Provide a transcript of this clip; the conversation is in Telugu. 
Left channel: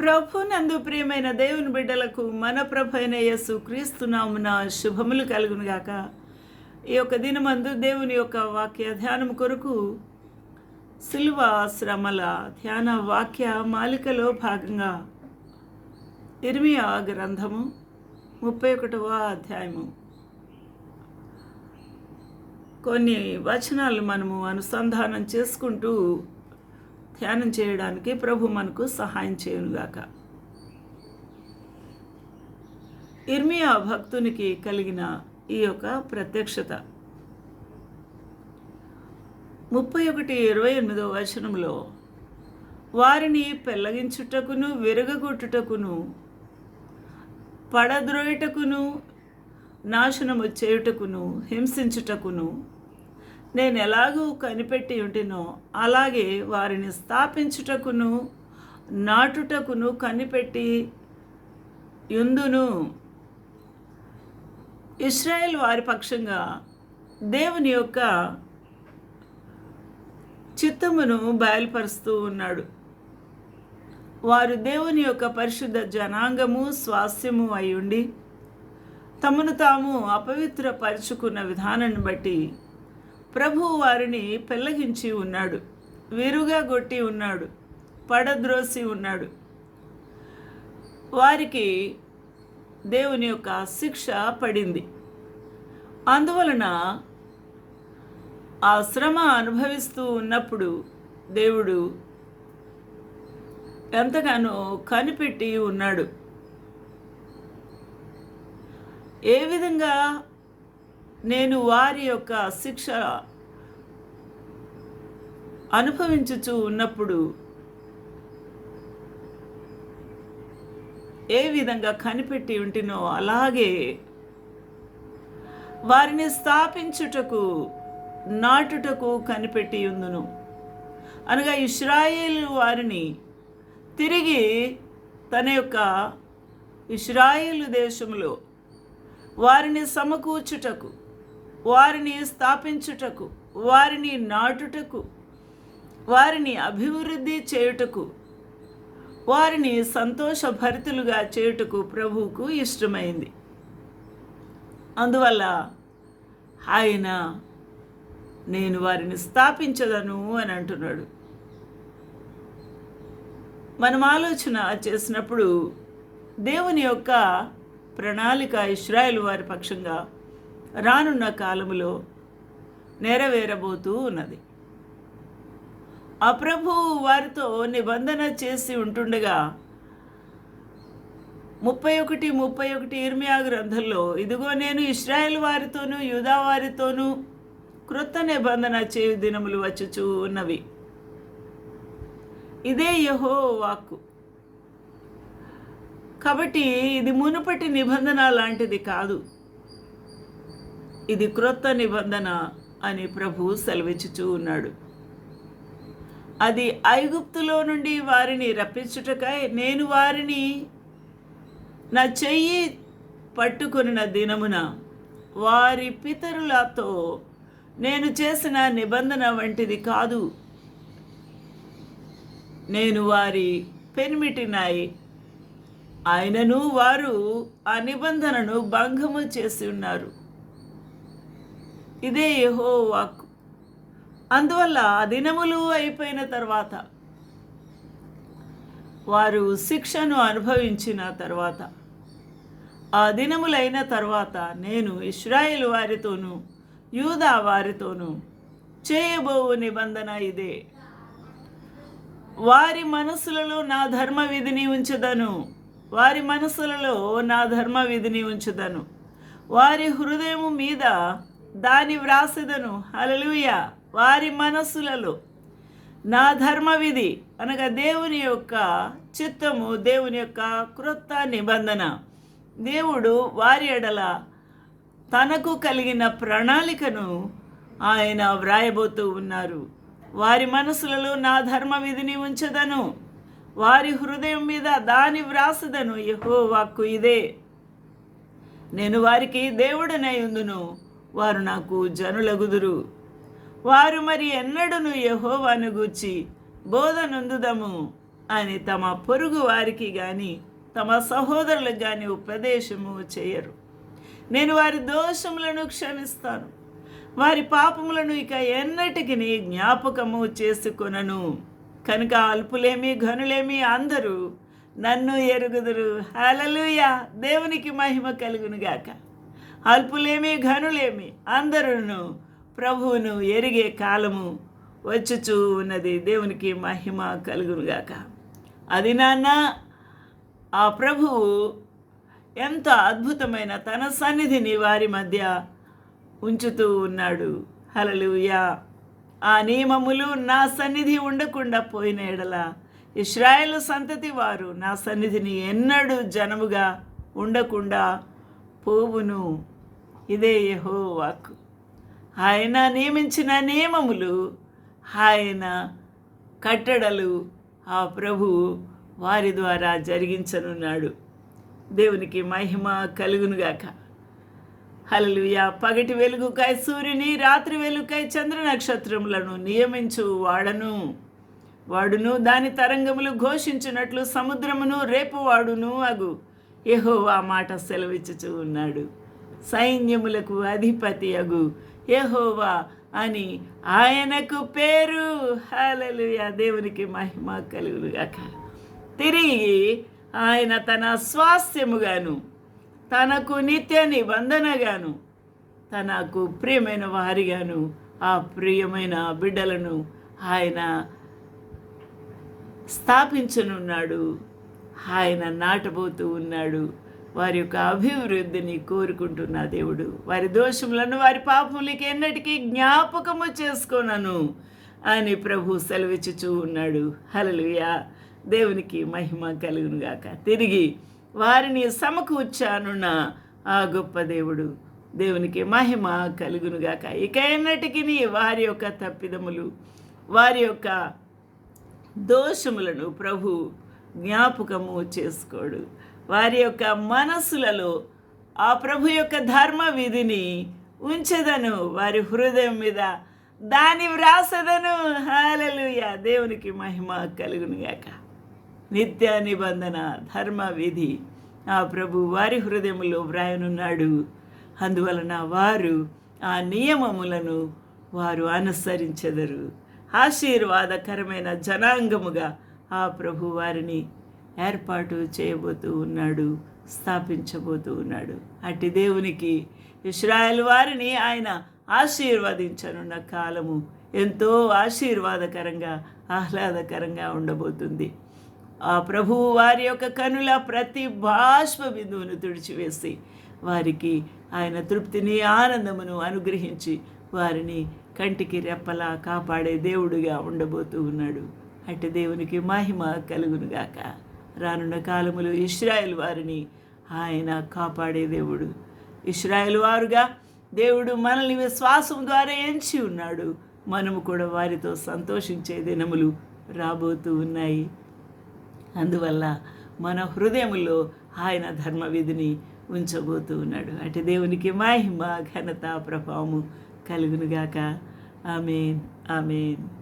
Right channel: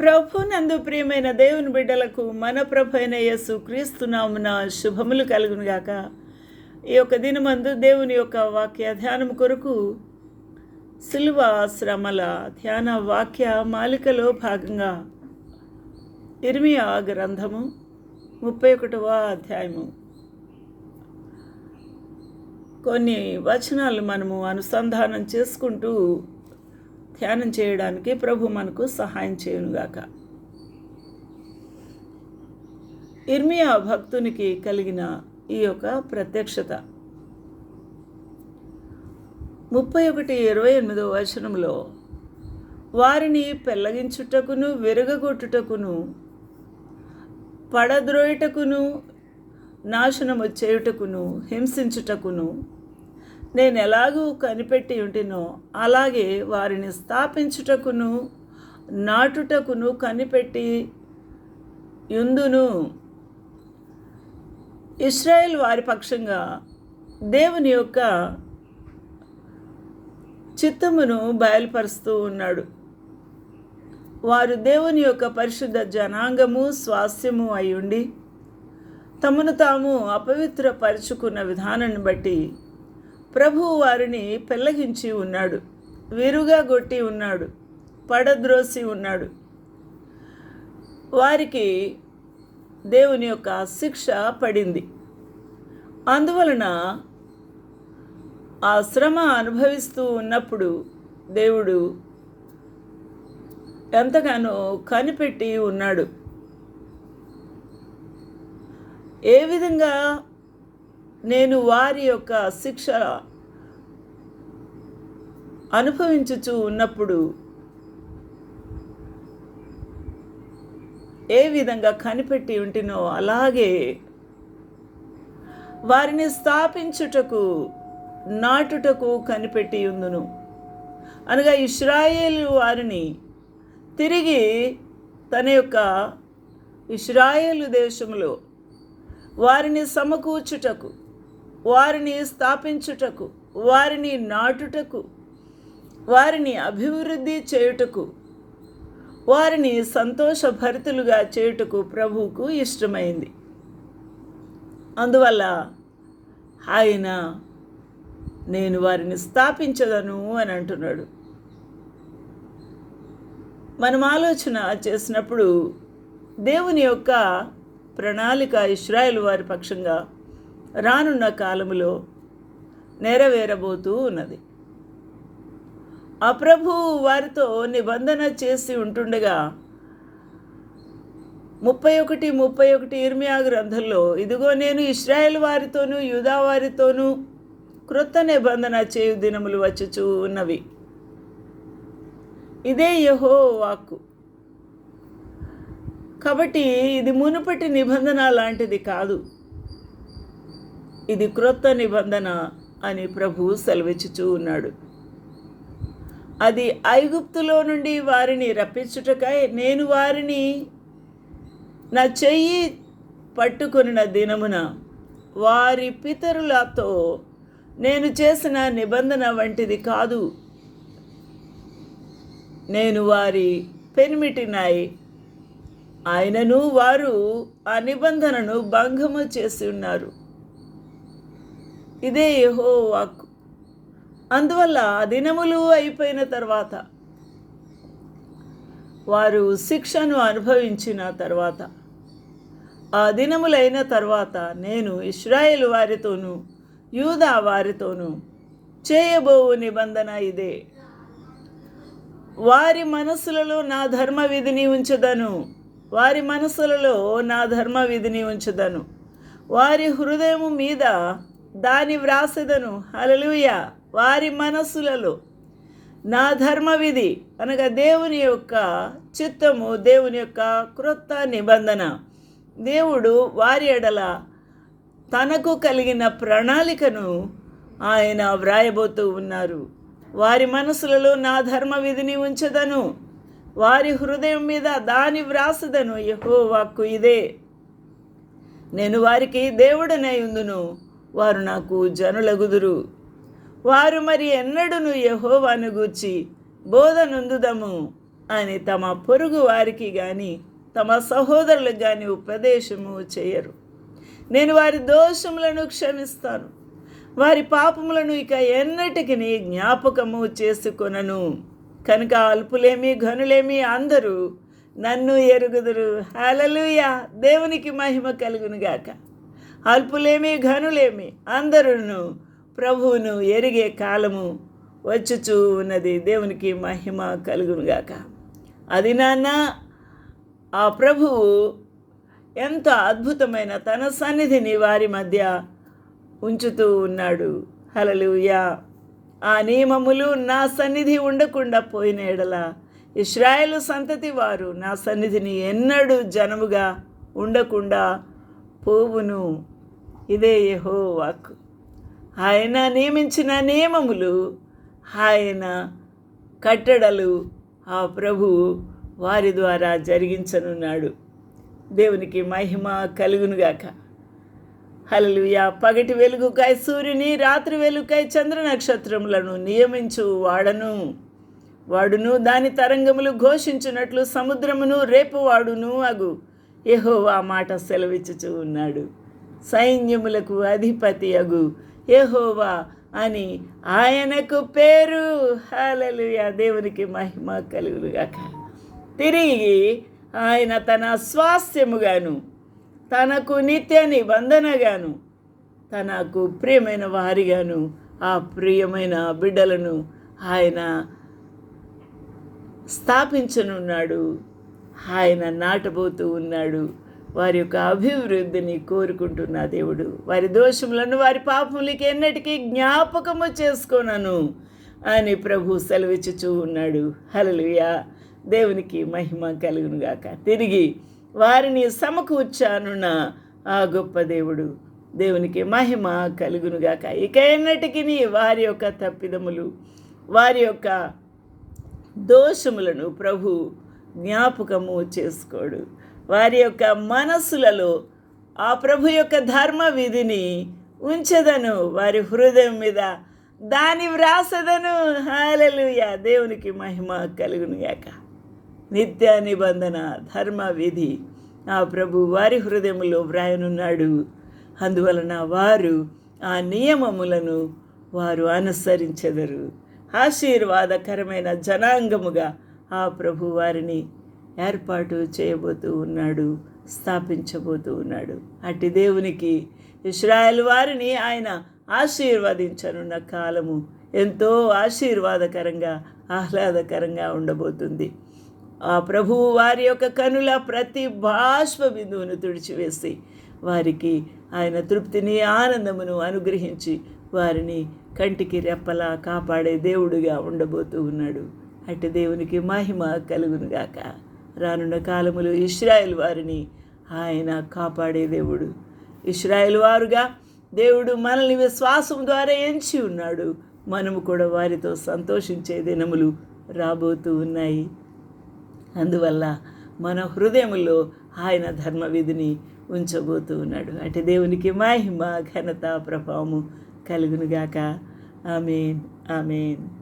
ప్రభు నందు ప్రియమైన దేవుని బిడ్డలకు మన ప్రభు అయిన యేసు క్రీస్తునామున శుభములు కలుగునుగాక. ఈ యొక్క దినమందు దేవుని యొక్క వాక్య ధ్యానం కొరకు సిల్వ శ్రమల ధ్యాన వాక్య మాలికలో భాగంగా ఇర్మియా గ్రంథము ముప్పై ఒకటవ అధ్యాయము. కొన్ని వచనాలు మనము అనుసంధానం చేసుకుంటూ ధ్యానం చేయడానికి ప్రభు మనకు సహాయం చేయునుగాక. ఇర్మియా భక్తునికి కలిగిన ఈ యొక్క ప్రత్యక్షత. ముప్పై ఒకటి ఇరవై ఎనిమిదో వచనంలో వారిని పెళ్ళగించుటకును విరగగొట్టుటకును పడద్రోయుటకును నాశనము చేయుటకును హింసించుటకును నేను ఎలాగూ కనిపెట్టి ఉంటినో అలాగే వారిని స్థాపించుటకును నాటుటకును కనిపెట్టి యుందును. ఇస్రాయేల్ వారి పక్షంగా దేవుని యొక్క చిత్తమును బయలుపరుస్తూ ఉన్నాడు. వారు దేవుని యొక్క పరిశుద్ధ జనాంగము స్వాస్థ్యము అయి ఉండి తమను తాము అపవిత్రపరుచుకున్న విధానాన్ని బట్టి ప్రభువు వారిని పెళ్ళగించి ఉన్నాడు. విరుగా గొట్టి ఉన్నాడు. పడద్రోసి ఉన్నాడు. వారికి దేవుని యొక్క శిక్ష పడింది. అందువలన ఆ శ్రమ అనుభవిస్తూ ఉన్నప్పుడు దేవుడు ఎంతగానో కనిపెట్టి ఉన్నాడు. ఏ విధంగా నేను వారి యొక్క శిక్ష అనుభవించుచు ఉన్నప్పుడు ఏ విధంగా కనిపెట్టి ఉంటినో అలాగే వారిని స్థాపించుటకు నాటుటకు కనిపెట్టి ఉందును అనగా ఇస్రాయేల్ వారిని తిరిగి తన యొక్క ఇస్రాయేలు దేశంలో వారిని సమకూర్చుటకు వారిని స్థాపించుటకు వారిని నాటుటకు వారిని అభివృద్ధి చేయుటకు వారిని సంతోషభరితులుగా చేయుటకు ప్రభువుకు ఇష్టమైంది. అందువల్ల ఆయన నేను వారిని స్థాపించదను అని అంటున్నాడు. మనం ఆలోచన చేసినప్పుడు దేవుని యొక్క ప్రణాళిక ఇస్రాయేల్ వారి పక్షంగా రానున్న కాలములో నెరవేరబోతూ ఉన్నది. అప్రభు వారితో నిబంధన చేసి ఉంటుండగా ముప్పై ఒకటి ముప్పై ఒకటి ఇర్మియా గ్రంథంలో ఇదిగో నేను ఇస్రాయేల్ వారితోనూ యూదా వారితోనూ క్రొత్త నిబంధన చేయు దినములు వచ్చుచూ ఉన్నవి. ఇదే యహో వాక్కు కాబట్టి ఇది మునుపటి నిబంధన లాంటిది కాదు. ఇది క్రొత్త నిబంధన అని ప్రభు సెలవిచ్చుచూ ఉన్నాడు. అది ఐగుప్తులో నుండి వారిని రప్పించుటకై నేను వారిని నా చెయ్యి పట్టుకున్న దినమున వారి పితరులతో నేను చేసిన నిబంధన వంటిది కాదు. నేను వారి పెనిమిటినాయి ఆయనను వారు ఆ నిబంధనను భంగము చేసి ఉన్నారు. ఇదే యహో వాక్కు అందువల్ల ఆ దినములు అయిపోయిన తర్వాత వారు శిక్షను అనుభవించిన తర్వాత ఆ దినములైన తర్వాత నేను ఇస్రాయేల్ వారితోనూ యూదా వారితోనూ చేయబోవు నిబంధన ఇదే. వారి మనసులలో నా ధర్మ విధిని ఉంచదను. వారి మనసులలో నా ధర్మ విధిని ఉంచదను. వారి హృదయము మీద దాని వ్రాసెదను. హలలుయ వారి మనస్సులలో నా ధర్మ విధి అనగా దేవుని యొక్క చిత్తము దేవుని యొక్క క్రొత్త నిబంధన. దేవుడు వారి ఎడల తనకు కలిగిన ప్రణాళికను ఆయన వ్రాయబోతూ ఉన్నారు. వారి మనసులలో నా ధర్మ విధిని ఉంచదను. వారి హృదయం మీద దాని వ్రాసదను యహో వాక్కు ఇదే. నేను వారికి దేవుడనై ఉందును. వారు నాకు జనులగుదురు. వారు మరి ఎన్నడూను యహోవాను గూర్చి బోధనుందుదము అని తమ పొరుగు వారికి కానీ తమ సహోదరులకు కానీ ఉపదేశము చేయరు. నేను వారి దోషములను క్షమిస్తాను. వారి పాపములను ఇక ఎన్నటికి జ్ఞాపకము చేసుకొనను. కనుక అల్పులేమి ఘనులేమి అందరూ నన్ను ఎరుగుదురు. హలలుయ దేవునికి మహిమ కలుగునుగాక. అల్పులేమి ఘనులేమి అందరూ ప్రభువును ఎరిగే కాలము వచ్చుచూ ఉన్నది. దేవునికి మహిమ కలుగునుగాక. అది నాన్న ఆ ప్రభువు ఎంత అద్భుతమైన తన సన్నిధిని వారి మధ్య ఉంచుతూ ఉన్నాడు. హలలుయా ఆ నియమములు నా సన్నిధి ఉండకుండా పోయిన ఎడల ఇస్రాయేల్ సంతతి వారు నా సన్నిధిని ఎన్నడూ జనముగా ఉండకుండా పోవును. ఇదే యహో వాక్కు ఆయన నియమించిన నియమములు ఆయన కట్టడలు ఆ ప్రభువు వారి ద్వారా జరిగించనున్నాడు. దేవునికి మహిమ కలుగునుగాక. హలలుయ పగటి వెలుగుకై సూర్యుని రాత్రి వెలుగుకై చంద్ర నక్షత్రములను నియమించు వాడను. వాడును దాని తరంగములు ఘోషించినట్లు సముద్రమును రేపు వాడును అగు. యహోవా మాట సెలవిచ్చుచూ ఉన్నాడు. సైన్యములకు అధిపతి అగు యహోవా అని ఆయనకు పేరు. హలలుయ దేవునికి మహిమ కలుగులుగాక తిరిగి ఆయన తన స్వాస్థ్యముగాను తనకు నిత్య నిబంధనగాను తనకు ప్రియమైన వారిగాను ఆ ప్రియమైన బిడ్డలను ఆయన స్థాపించనున్నాడు. ఆయన నాటబోతూ ఉన్నాడు. వారి యొక్క అభివృద్ధిని కోరుకుంటున్న దేవుడు. వారి దోషములను వారి పాపములకి ఎన్నటికీ జ్ఞాపకము చేసుకోనను అని ప్రభు సెలవిచ్చుచూ ఉన్నాడు. హలలుయా దేవునికి మహిమ కలుగునుగాక. తిరిగి వారిని సమకూర్చానున్న ఆ గొప్ప దేవుడు. దేవునికి మహిమ కలుగునుగాక. ఇక ఎన్నటికీ వారి యొక్క తప్పిదములు వారి యొక్క దోషములను ప్రభు జ్ఞాపకము చేసుకోడు. వారి యొక్క మనస్సులలో ఆ ప్రభు యొక్క ధర్మ విధిని ఉంచదను. వారి హృదయం మీద దాని వ్రాసదను. హాలలుయ దేవునికి మహిమ కలుగునుగాక. నిత్య నిబంధన ధర్మ విధి ఆ ప్రభు వారి హృదయములో వ్రాయనున్నాడు. అందువలన వారు ఆ నియమములను వారు అనుసరించెదరు. ఆశీర్వాదకరమైన జనాంగముగా ఆ ప్రభు వారిని ఏర్పాటు చేయబోతూ ఉన్నాడు స్థాపించబోతూ ఉన్నాడు. అట్టి దేవునికి ఇస్రాయల్ వారిని ఆయన ఆశీర్వదించనున్న కాలము ఎంతో ఆశీర్వాదకరంగా ఆహ్లాదకరంగా ఉండబోతుంది. ఆ ప్రభువు వారి యొక్క కనుల ప్రతి బాష్ప బిందువును తుడిచివేసి వారికి ఆయన తృప్తిని ఆనందమును అనుగ్రహించి వారిని కంటికి రెప్పలా కాపాడే దేవుడుగా ఉండబోతూ ఉన్నాడు. అటు దేవునికి మహిమ కలుగునుగాక రానున్న కాలములు ఇస్రాయేల్ వారిని ఆయన కాపాడే దేవుడు. ఇస్రాయేల్ వారుగా దేవుడు మనల్ని విశ్వాసం ద్వారా ఎంచి ఉన్నాడు. మనము కూడా వారితో సంతోషించే దినములు రాబోతూ ఉన్నాయి. అందువల్ల మన హృదయంలో ఆయన ధర్మ విధిని ఉంచబోతూ ఉన్నాడు. అటు దేవునికి మహిమ ఘనత ప్రభావము కలుగునుగాక ఆమెన్ ఆమెన్.